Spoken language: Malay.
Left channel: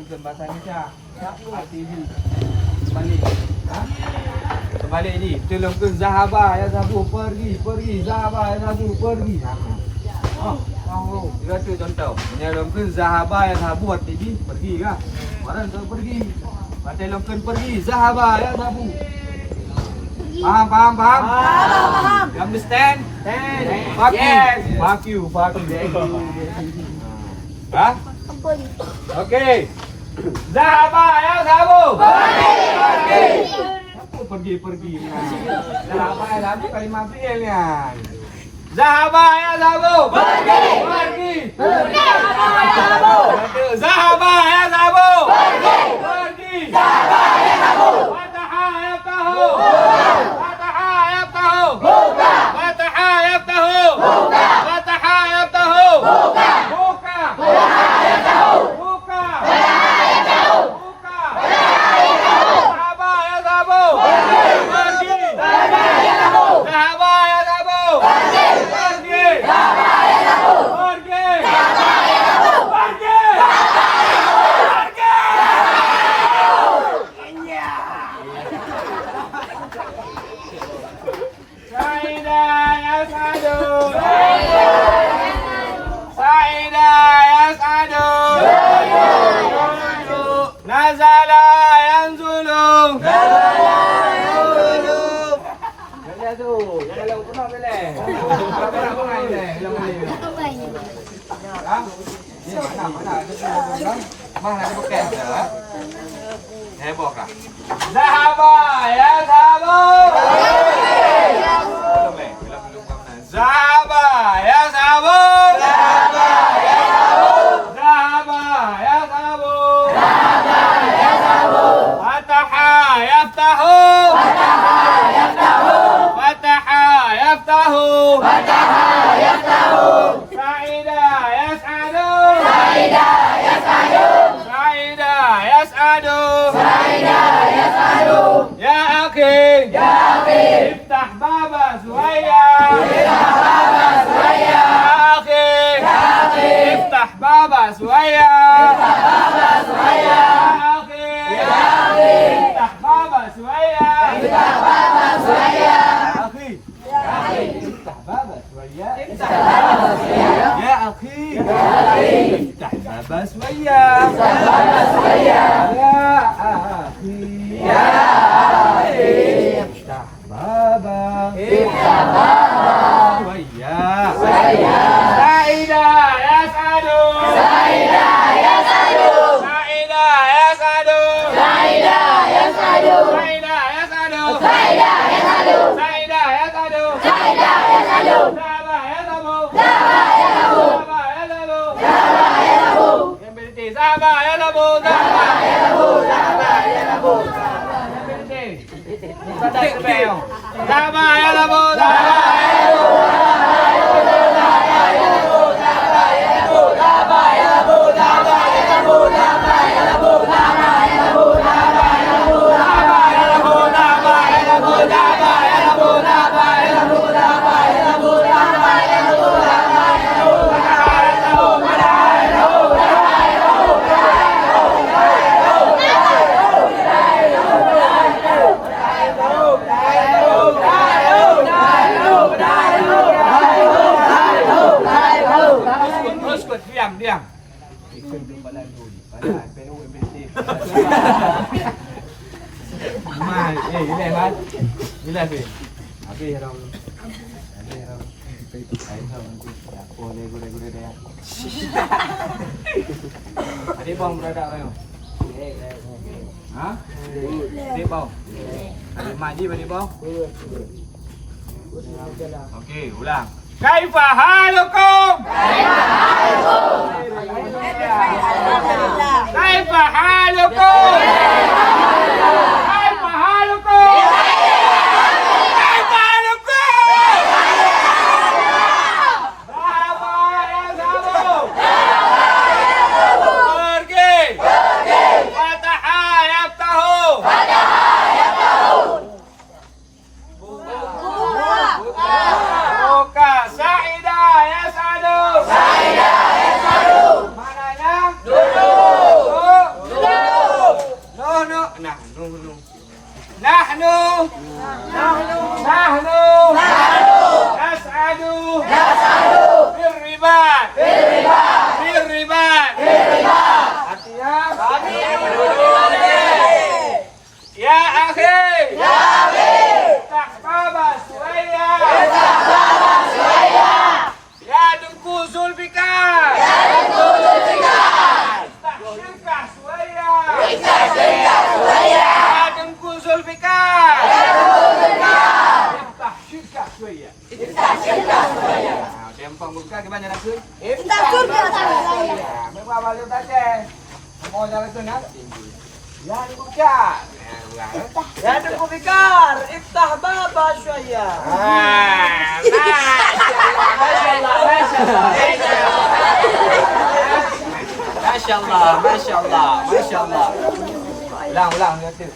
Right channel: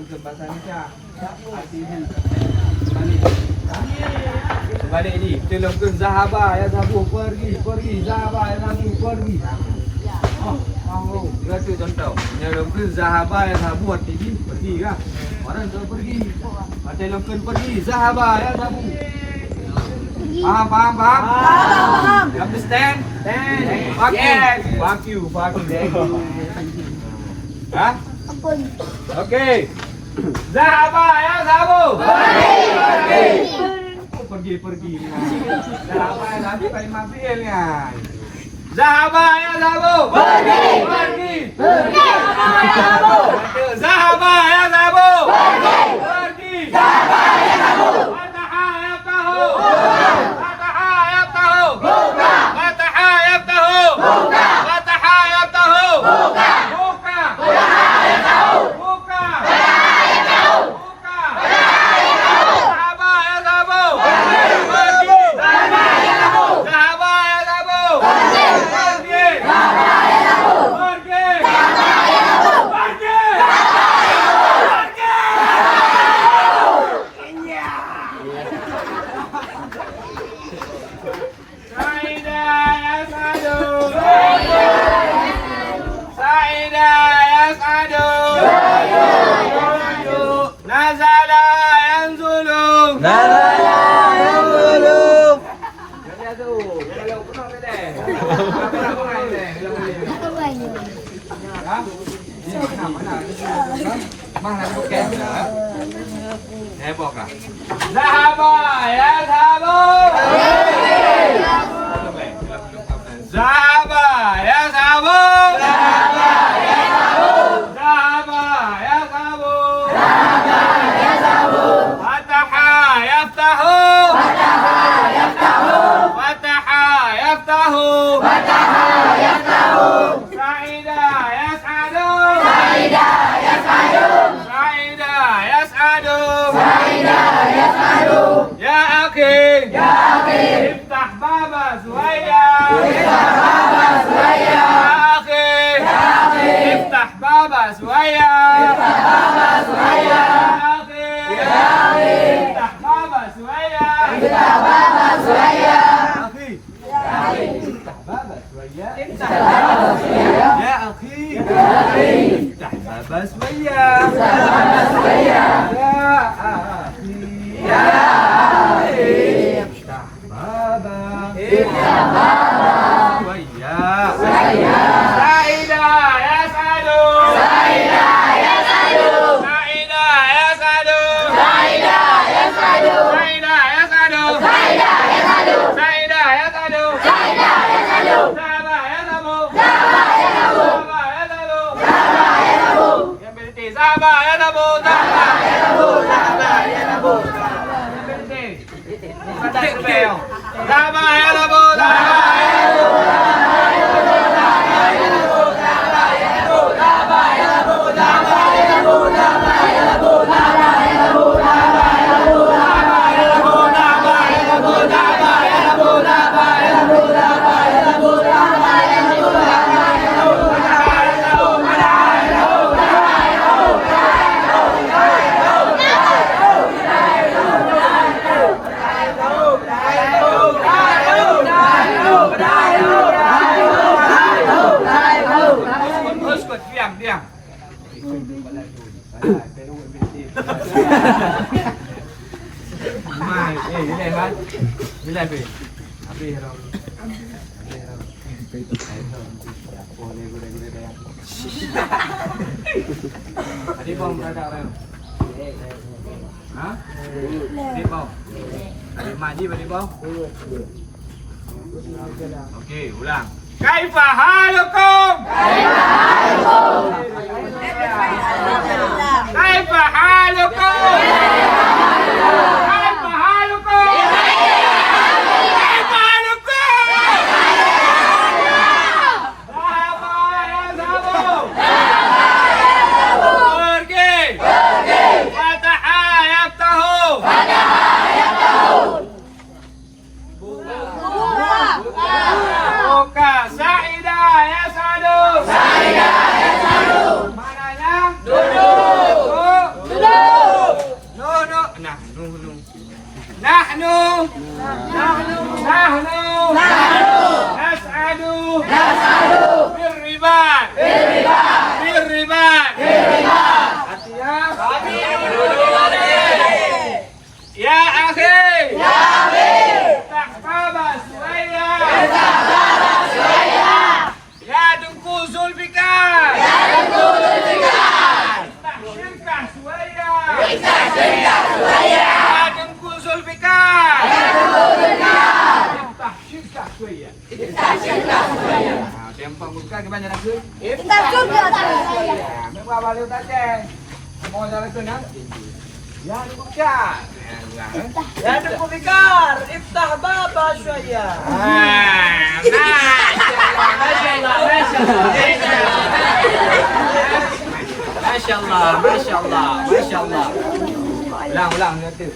Bukan bahasa Indonesia. Artinya balik. Balik ni. Telokun Zahaba ya Zabu pergi. Zahaba ya Zabu pergi. Oh, itu contoh. Telokun Zahaba ya Zabu pergi kan? Orang tu pergi. Telokun pergi. Zahaba ya Zabu. Paham? You understand? Fuck you. Hah? Okay. Zahaba ya Zabu. Pergi. Zahaba ya Zabu kalimat fi'ilnya. Zahaba ya Zabu. Pergi. Zahaba ya Zabu. Pergi. Zahaba ya Zabu. Zahaba ya Zabu. Zahaba ya Zabu. Fataha yaftahu. Sa'ida yas'adu. Ya akhi. Iftah baba Suhaya. Ya akhi. Iftah baba Suhaya. Ya akhi. Iftah baba Suhaya. Iftah baba Suhaya. Ya akhi. Iftah baba Suhaya. Diam. Adik bang berada apa? Hah? Adik bang. Adik mandi adik bang. Okey, ulang. Kaifa halukum? Kaifa halukum? nahnu. Nahnu. Nas'adu. Birribat. Ya akhi. Tahbaba Suwaya. Ya Dengku Zulfikar. Iftah Suwaya. Ya Dengku Zulfikar. Iftah Suwaya. Tempang buka gimana nasi? Iftah surga saya. Memang balik saja. Mau jalan sana? Ya dibuka. Ya Zulfikar, iftah baba syaya. Masya Allah. Ulang nanti.